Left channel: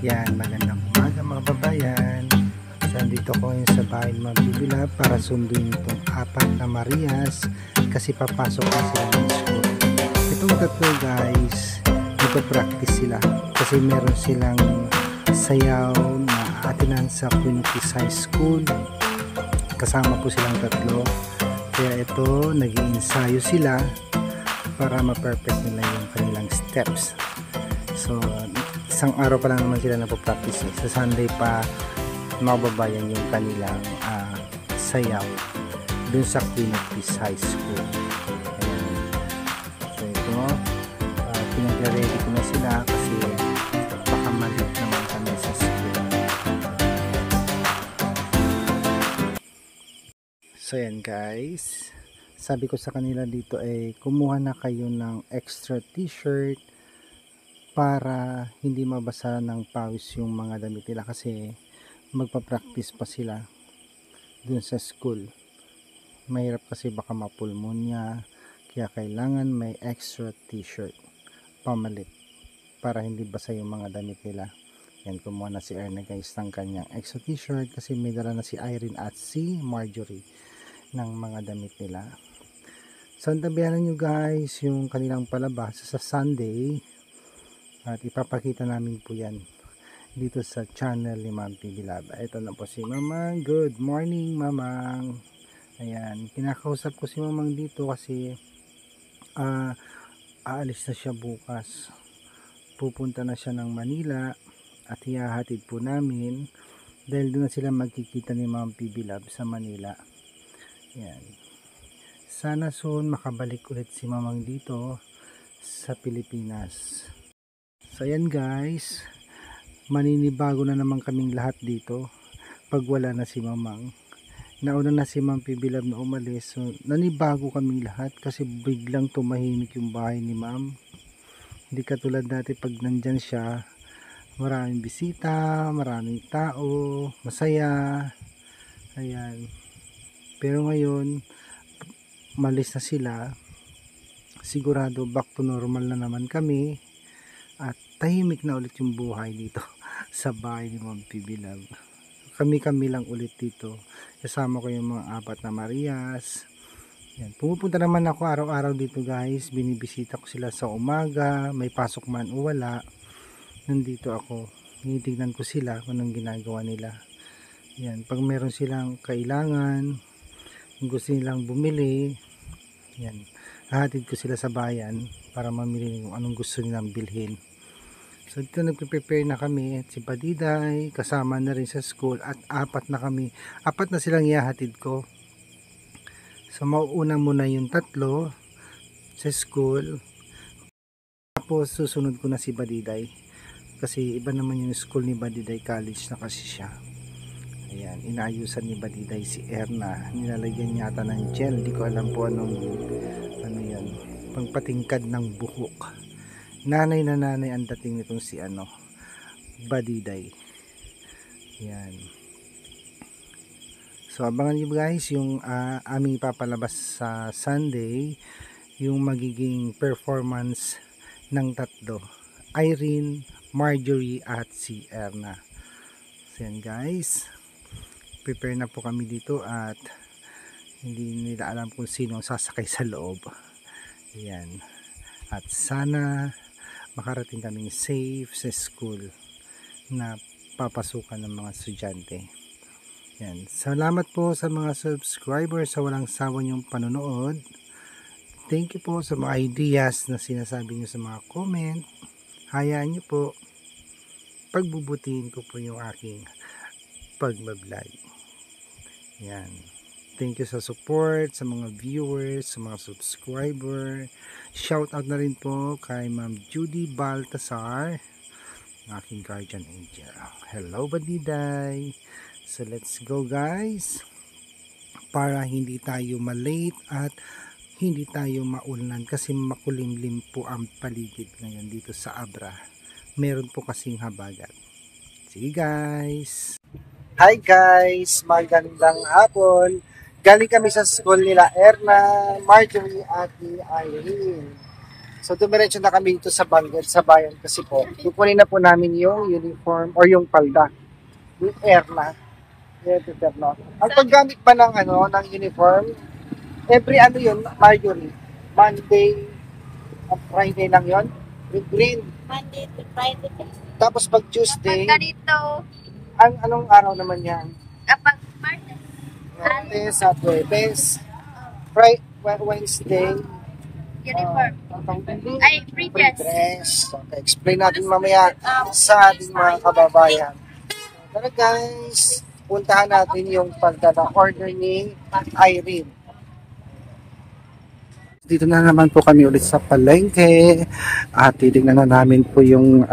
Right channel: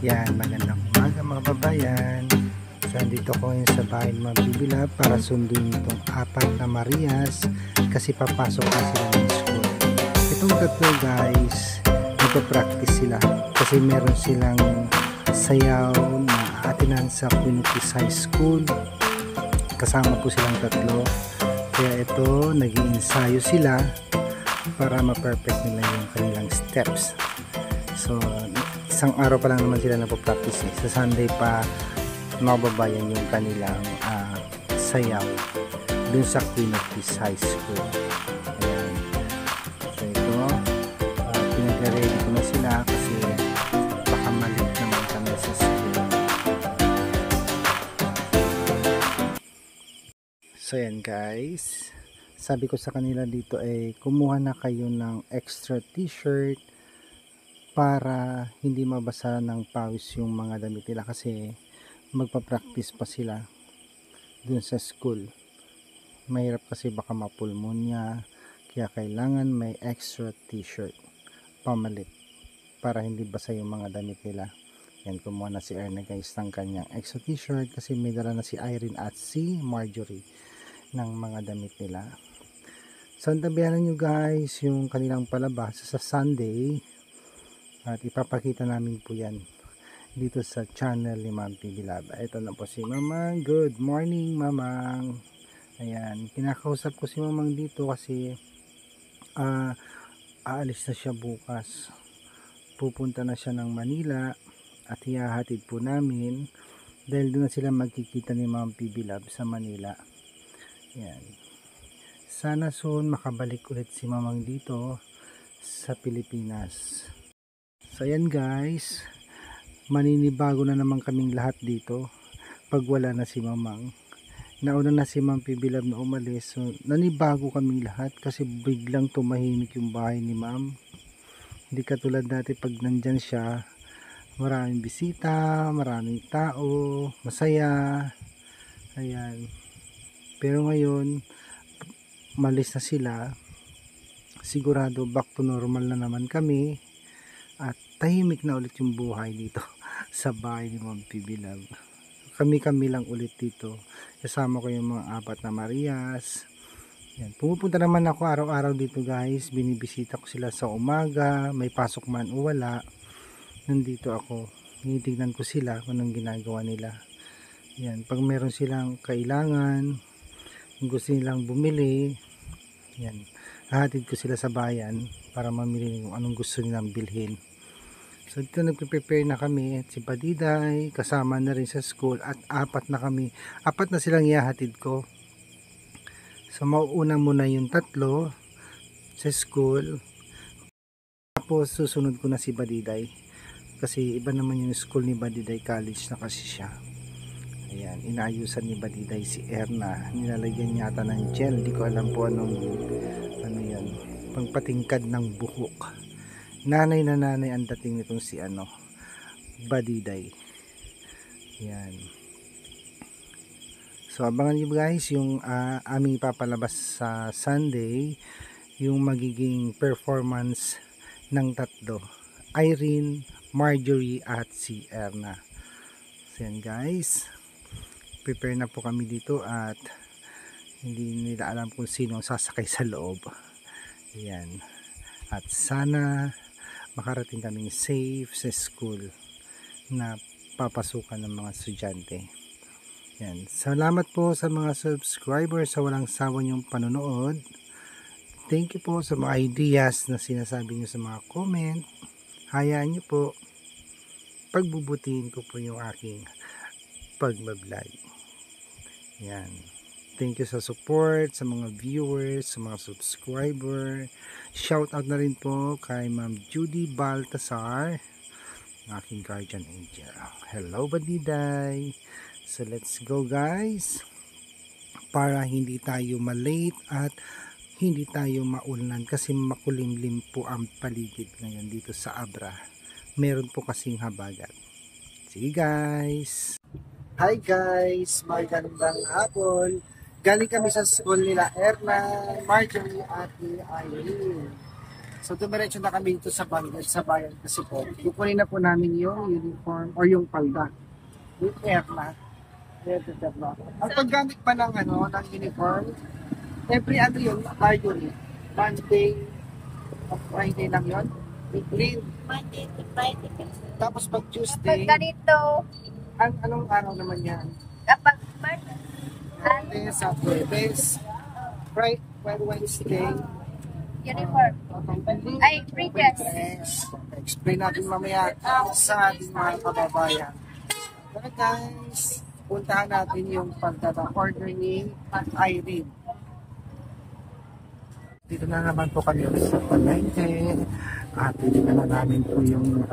Yan, magandang umaga mga babayan. So, andito ko ngayon sa bahay ng mga Bibilab para sunduin itong apat na Marias kasi papasok na sila ng school. Itong tatlo guys, nagpa-practice sila kasi meron silang sayaw na aatinan sa Quinotis High School. Kasama po silang tatlo. Kaya ito, nag-iinsayo sila para ma-perfect nila yung kanilang steps. So, isang araw pa lang naman sila napopractice eh. Sa Sunday pa mababayan yung kanilang sayaw dun sa Quinotis High School. Ayan. So ito, pinag-ready ko na sila kasi baka malit naman kami sa school. So ayan guys, sabi ko sa kanila dito ay kumuha na kayo ng extra t-shirt para hindi mabasa ng pawis yung mga damit nila kasi magpa-practice pa sila dun sa school. Mahirap kasi baka mapulmonya, kaya kailangan may extra t-shirt pamalit para hindi basa yung mga damit nila. Yan, kumuha na si Erna guys ng kanyang extra t-shirt kasi may dala na si Irene at si Marjorie ng mga damit nila. So antabayanan nyo guys yung kanilang palabas sa Sunday at ipapakita namin po yan dito sa channel ni Ma'am Bibilab. Ito na po si Mamang. Good morning Mamang. Ayan, kinakausap ko si Mamang dito kasi aalis na siya bukas. Pupunta na siya ng Manila at ihahatid po namin dahil doon na sila magkikita ni Ma'am Bibilab sa Manila. Ayan. Sana soon makabalik ulit si Mamang dito sa Pilipinas. So ayan guys, maninibago na naman kaming lahat dito pag wala na si Mamang. Nauna na si Ma'am Bibilab na umalis, so nanibago kaming lahat kasi biglang tumahimik yung bahay ni Ma'am. Hindi katulad dati pag nandyan siya, maraming bisita, maraming tao, masaya. Ayan. Pero ngayon malis na sila, sigurado back to normal na naman kami at tahimik na ulit yung buhay dito sa bahay ni Ma'am Bibilab. Kami lang ulit dito, kasama ko yung mga apat na Marias. Yan. Pumupunta naman ako araw-araw dito guys, binibisita ko sila sa umaga, may pasok man o wala, nandito ako, tinitignan ko sila kung anong ginagawa nila. Yan. Pag meron silang kailangan, gusto nilang bumili, yan, hahatid ko sila sa bayan para mamili kung anong gusto nilang bilhin. So dito nagpe-prepare na kami at si Badiday kasama na rin sa school at apat na silang ihahatid ko. So mauuna muna yung tatlo sa school, tapos susunod ko na si Badiday kasi iba naman yung school ni Badiday, college na kasi siya. Ayan, inaayusan ni Badiday si Erna, nilalagyan yata ng gel, di ko alam po ano yan, pangpatingkad ng buhok. Nanay na nanay ang dating nitong si Badiday. Yan. So abangan nyo guys yung aming ipapalabas sa Sunday, yung magiging performance ng tatlo, Irene, Marjorie at si Erna. So yan guys, prepare na po kami dito at hindi nila alam kung sino sasakay sa loob. Yan. At sana makarating kaming safe sa school na papasukan ng mga estudyante. Yan. Salamat po sa mga subscribers sa walang sawa niyong panonood. Thank you po sa mga ideas na sinasabi niyo sa mga comment. Hayaan niyo po, pagbubutihin ko po yung aking pagbablog. Yan. Thank you sa support, sa mga viewers, sa mga subscriber. Shout out na rin po kay Ma'am Judy Baltasar, aking guardian angel. Hello Badiday. So let's go guys, para hindi tayo malate at hindi tayo maulan kasi makulimlim po ang paligid ngayon dito sa Abra. Meron po kasing habagat. Sige guys. Hi guys, magandang hapon. Galing kami sa school nila Erna, Marjorie at Irene. So dumiretso na kami dito sa Bangal, sa bayan kasi po. Kukunin na po namin yung uniform or yung palda. Yung Erna. Ang paggamit pa ng ng uniform, every yun, Marjorie, Monday at Friday lang yun. Yung green. Monday to Friday. Tapos pag Tuesday, Kapag ganito, anong araw naman yan? kapag Monday, Monday, Saturday, Friday, Wednesday, uniform. Ay, free dress. Dress. Okay, explain natin mamaya sa ating mga kababayan. Tara guys, puntahan natin yung pagdada-order ni Irene. Dito na naman po kami ulit sa palengke at titignan na namin po yung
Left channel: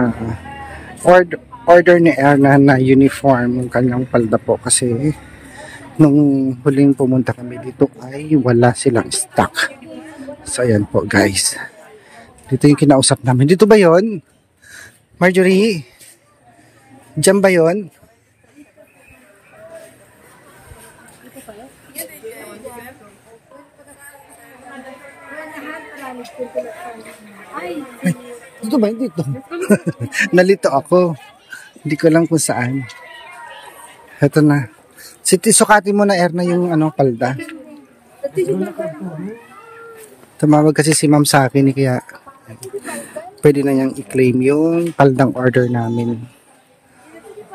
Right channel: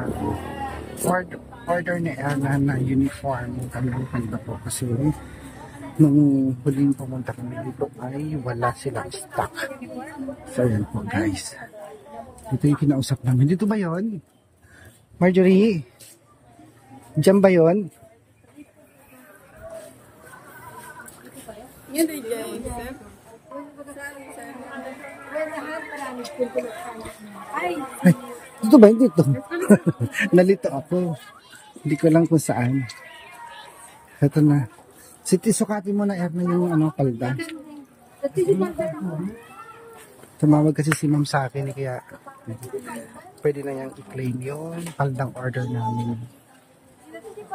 order ni Erna na uniform, yung kanyang palda po kasi nung huling pumunta kami dito ay wala silang stock. So ayan po guys, dito yung kinausap namin. Dito ba yon, Marjorie? Diyan ba yon? Dito ba? Dito. Nalito ako. Hindi ko lang kung saan. Ito na. Sukatin mo na Erna yung palda. Tumawag kasi si ma'am sa akin kaya pwede na niyang i-claim yung paldang order namin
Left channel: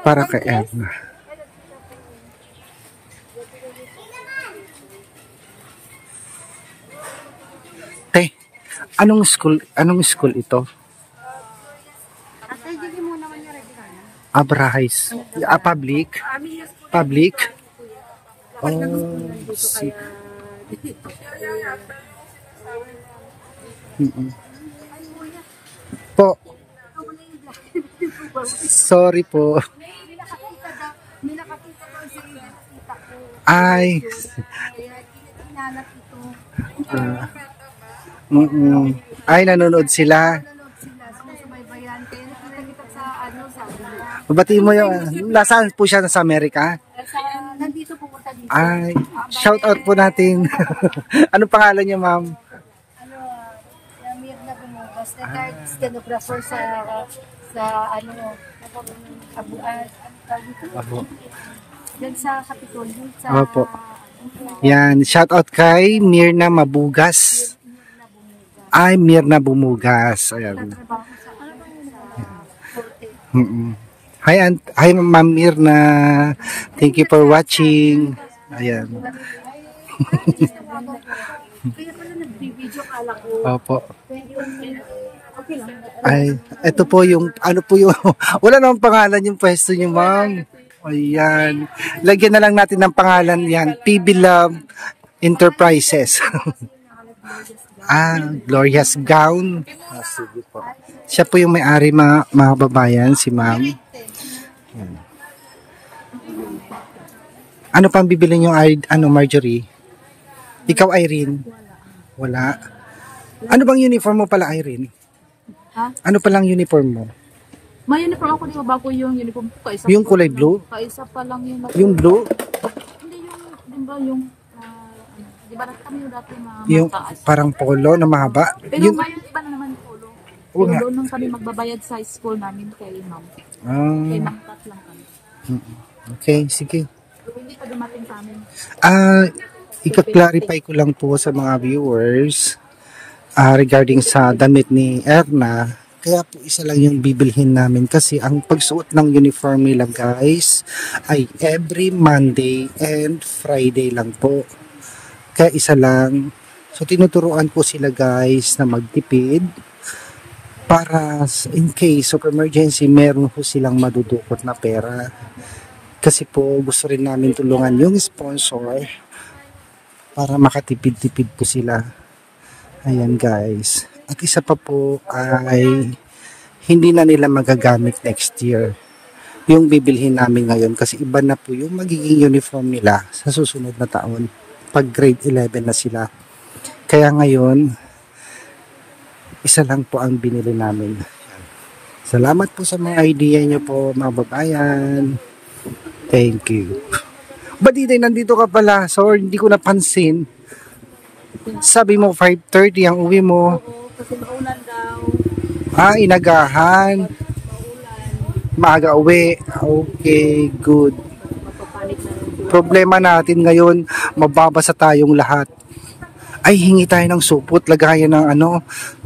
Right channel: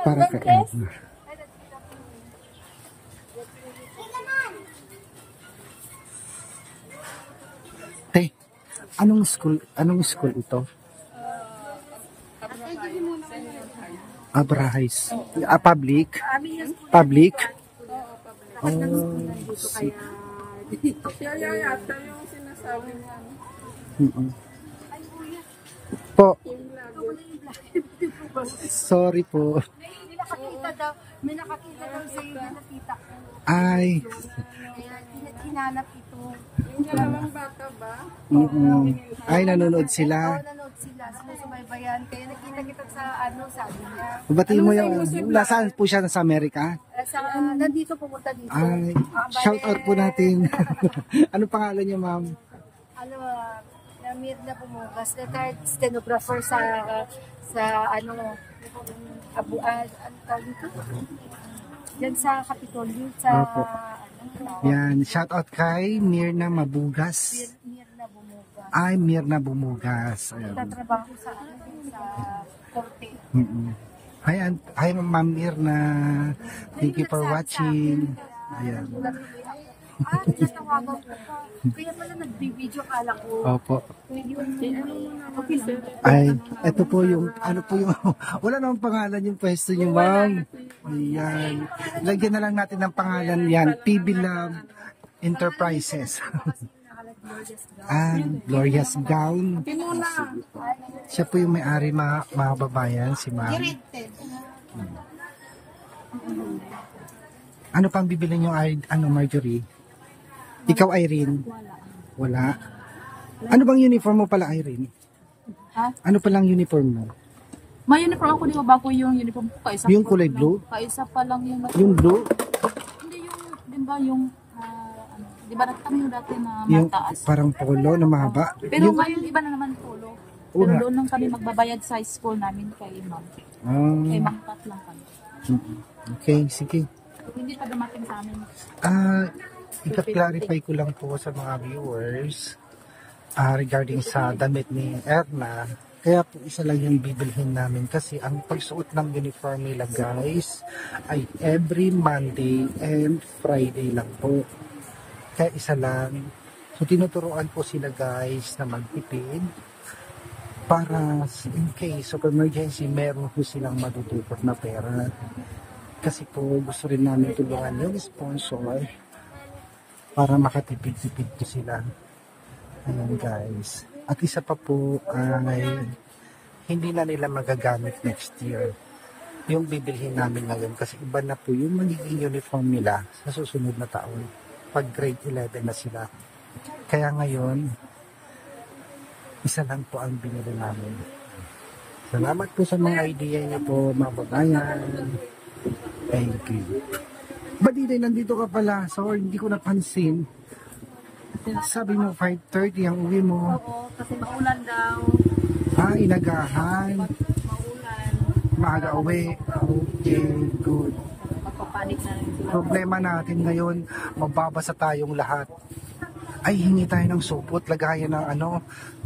para kay Erna. Te, anong school ito? Abrahais. Public? Public? Oh, sick. Po. Sorry po. May nakakita ko sa iyo, nakita ko. Ay. Hinanap ito. Ay, nanonood sila. Nanonood sila, sumusubaybayan. Kaya nakita kita sa sabi niya. Babatiin mo yung, nasaan po siya sa Amerika? Nandito, pumunta dito. Ay, shout out po natin. Anong pangalan niyo, ma'am? Namir na bumugas. Retired stenographer sa yan sa Kapitolyo. Opo. Yan, shout out kay Mirna Mabugas. Mirna Bumugas. Ay, Mirna Bumugas. Ayan. Tatrabaho sa korte. Hi Ma'am Mirna. Thank you for watching. Ayan. Kaya pala nag-video kala ko. Opo. Okay lang. Ay, ito po yung, wala namang pangalan yung pwesto niyo, ma'am. Ayan. Lagyan na lang natin ng pangalan yan. PB Love Enterprises. Glorious Gown. Sige po. Siya po yung may-ari, mga babayan, si ma'am. Ano pang bibili niyo, Marjorie? Ikaw, Irene? Wala. Ano bang uniform mo pala, Irene? Ha? Ano palang uniform mo? May uniform ako, di ba bago yung uniform ko? Kaisa Yung kulay blue? Kaisa pa lang yung... Yung blue? Hindi yung, di ba yung... di ba kami yung dati na Yung mataas? parang polo na mahaba? Pero Yung, ngayon iba na naman polo. Oo Pero nga. doon lang kami magbabayad sa school namin kay ma'am. Kay ma'am Tat lang kami. Okay, sige. So, hindi pa dumating sa amin. Ika-clarify ko lang po sa mga viewers regarding sa damit ni Erna. Kaya po isa lang yung bibilhin namin kasi ang pagsuot ng uniform nila guys ay every Monday and Friday lang po. Kaya isa lang. So tinuturuan po sila guys na magtipid para in case of emergency meron po silang madudukot na pera. Kasi po gusto rin namin tulungan yung sponsor para makatipid-tipid po sila. Ayan guys. At isa pa po ay hindi na nila magagamit next year yung bibilhin namin ngayon kasi iba na po yung magiging uniform nila sa susunod na taon pag grade 11 na sila. Kaya ngayon isa lang po ang binili namin. Salamat po sa mga idea niyo po mga babayan. Thank you. Baditay, nandito ka pala. So, hindi ko napansin. Sabi mo 5:30 ang uwi mo. Oo, kasi maulan daw. Inagahan. Maaga uwi. Okay, good. Mapapanik na rin sila. Problema natin ngayon, mababasa tayong lahat. Ay, hingi tayo ng supot, lagayan ng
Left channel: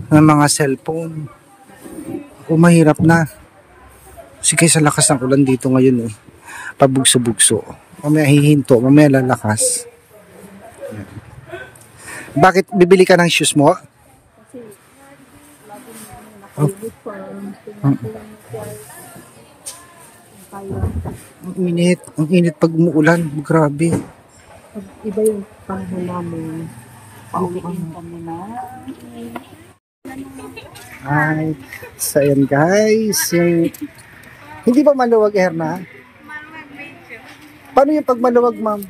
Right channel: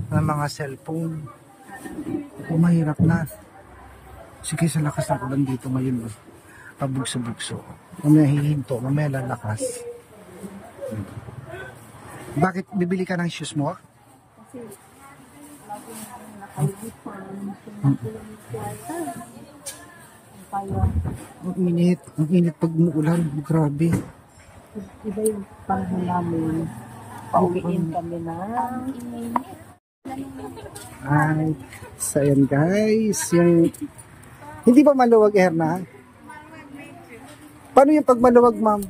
ng mga cellphone. Mahirap na. Sige, sa lakas ng ulan dito ngayon pabugso-bugso. Mamaya hihinto, mamaya lalakas. Ayan. Bakit bibili ka ng shoes mo? Kasi laging naka-uniform. Kaya, Ang init pag umuulan, grabe. iba yung panahon namin. Pauwiin kami na. Ay, so ayan guys, hindi ba maluwag, Erna? Paano yung pag maluwag, ma'am?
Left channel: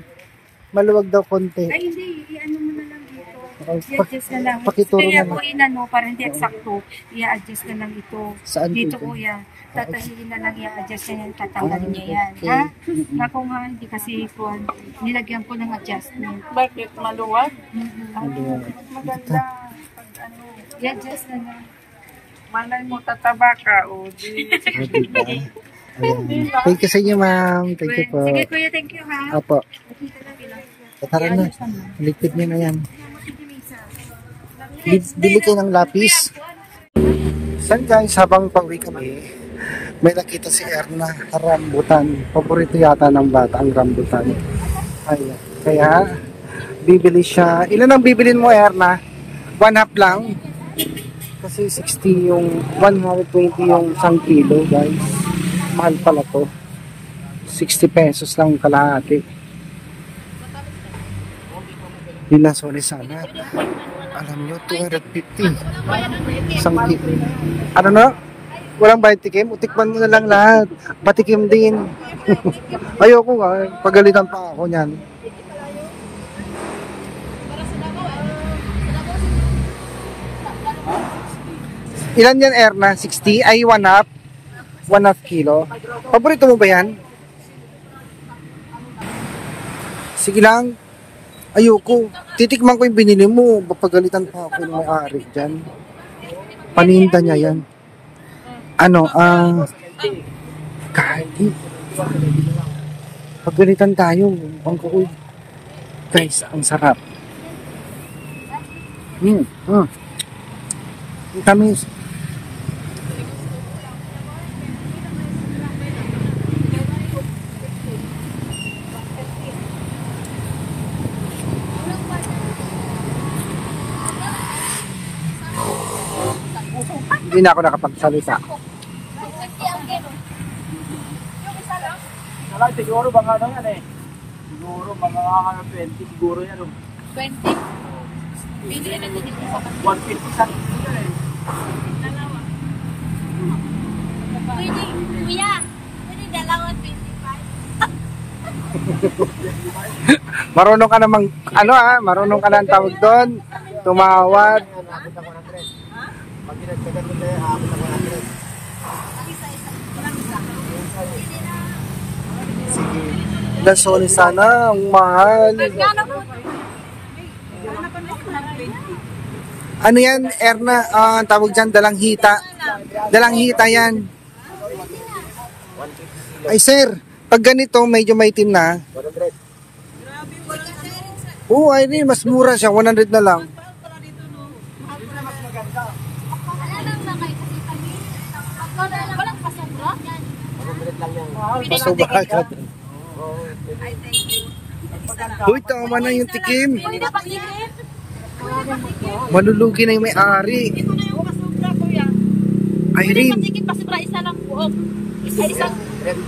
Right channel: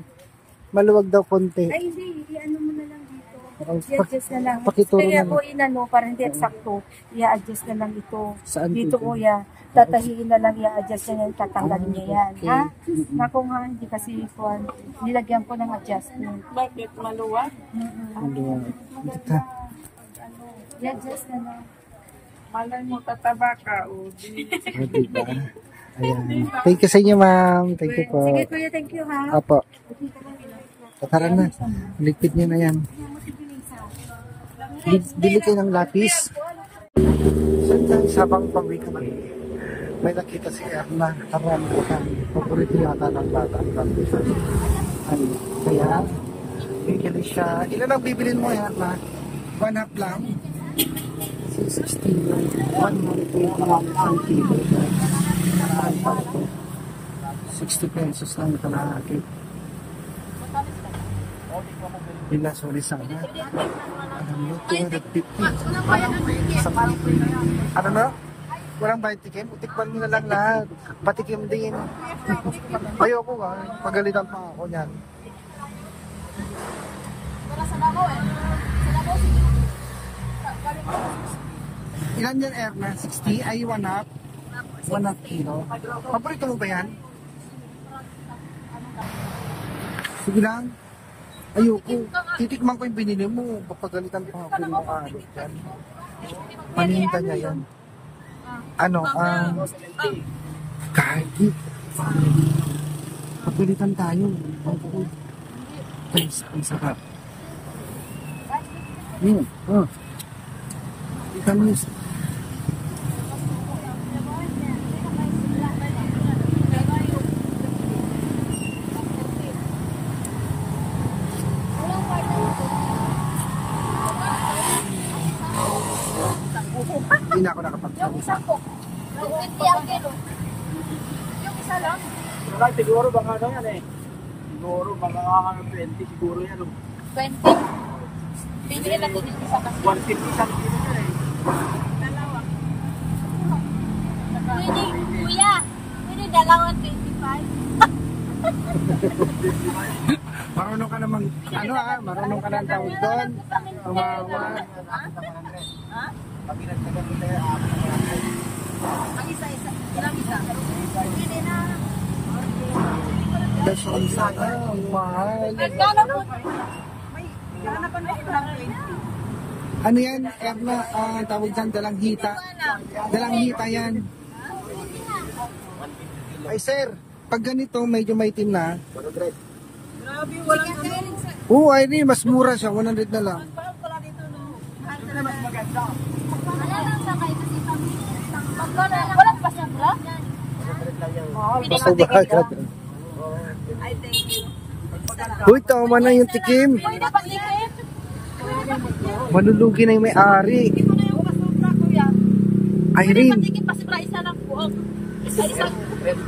Maluwag daw konti. Ay, hindi. I-ano mo na lang dito. Okay, I-adjust na lang. pakituro Kaya na po lang. inano, para hindi eksakto, i-adjust na lang ito. Saan Dito po? kuya. Tatahiin na lang, i-adjust niya yan, tatanggalin niya yan. Okay. Ha? Naku nga, hindi kasi po, nilagyan ko ng adjustment. Bakit maluwag? Maluwag. Maganda. Ano, i-adjust na lang. Malay mo tataba ka o di. Diba? Ayan. Thank you sa inyo, ma'am. Thank you po. Sige kuya, thank you ha. Apo. Tara na. Ligpit niyo na yan. Bili kayo ng lapis. San guys, habang pauwi kami, may nakita si Erna, rambutan. Paborito yata ng bata ang rambutan. Ayan. Kaya, bibili siya. Ilan ang bibilin mo, Erna? 1/2 lang. Kasi 60 yung 120 yung 1 kilo, guys. Mahal pala to. 60 pesos lang kalahati. Binasoli sana. Alam nyo, 250. Isang kilo. Ano na? Walang bayad tikim? Utikman mo na lang lahat. Patikim din. Ayoko nga. Pagalitan pa ako niyan. Ilan yan, Erna? 60? Ay, 1/2? 1/2 kilo. Paborito mo ba yan? Sige lang. Ayoko. Titikman ko yung binili mo. Papagalitan pa ako yung ari dyan. Paninda niya yan. Kahit. Pagalitan tayo. Bangko. Guys, ang sarap. Tamis. Hindi na ako nakapagsalita. Siguro baka ano yan eh. Siguro baka mga 20 siguro yan. 20? Bili natin dito sa 150 sa Kuya, pwede dalawa 25? Marunong ka namang, marunong ka na ang tawag doon. Tumawad. Ang isa-isa. Walang isa. Pili na. Lasoli sana, ang mahal. Magkano po? Ano yan, Erna? Ang tawag dyan, dalang hita. Dalang hita yan. Ay sir, pag ganito, medyo maitim na. 100. Oo, ay rin, mas mura siya, 100 na lang. Wala lang sa kayo kasi kami. Walang pasangla? 100 lang yan. Sobrang. Ay, thank you. Uy, tama na yung tikim. Pwede pa ihin? Malulugi na yung may-ari. Hindi ko na yung pasubra, kuya. Irene. Pwede pa pasubra, isa lang buok. Isang 30.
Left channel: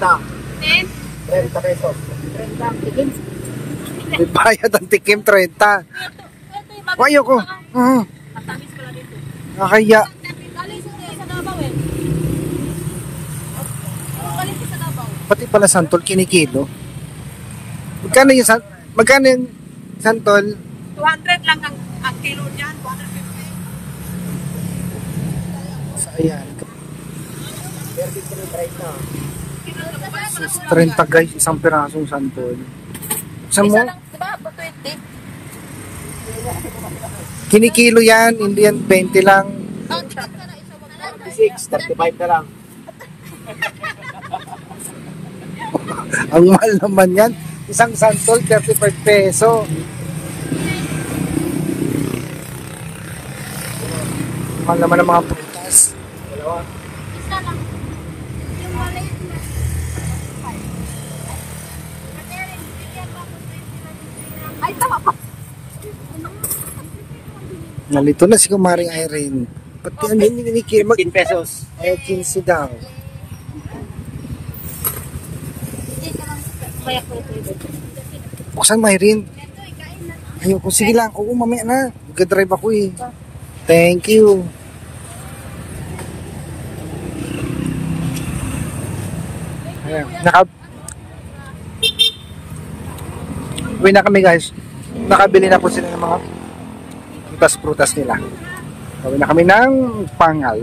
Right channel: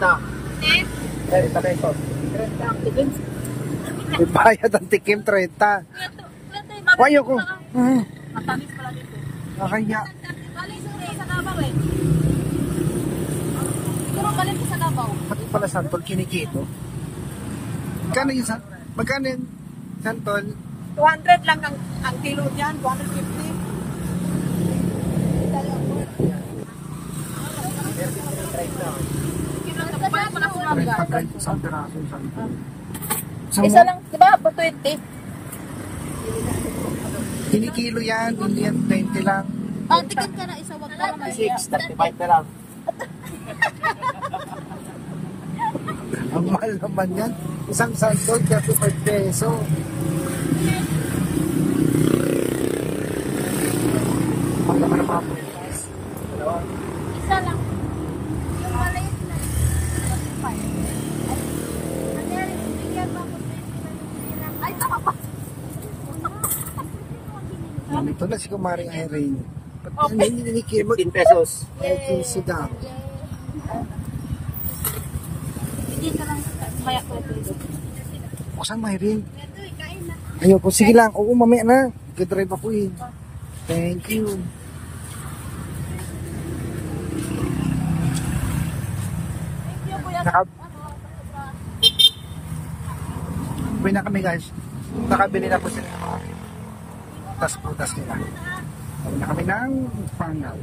30 pesos. 30. May bayad ang tikim, 30. Ayoko. Matamis pala dito. Nakaya. Galing sa Davao eh. Puro galing sa Davao. Pati pala santol, kinikilo. Magkano yung santol? 200 lang ang kilo niyan, 250. Ayan. 30 guys, isang pirasong santol. Sa mo, Isa lang, di ba? 220. kinikilo yan, hindi yan 20 lang. 36, 35 na lang. Ang mahal naman yan. Isang santol, 35 peso. Mahal naman ang mga prutas. Isa lang. Yung maliit na. Ay, tama pa. Nalito na si Kumaring Irene. Pati ang hindi mag 15 pesos. 15 daw. Hindi ka lang bayak ko ito. Buksan mo, Irene. Ayoko, sige lang. Oo, mamaya na. Mag-drive ako eh. Thank you. Ayan, uwi na kami guys. Nakabili na po sila ng mga prutas-prutas nila. Uwi na kami ng Pangal.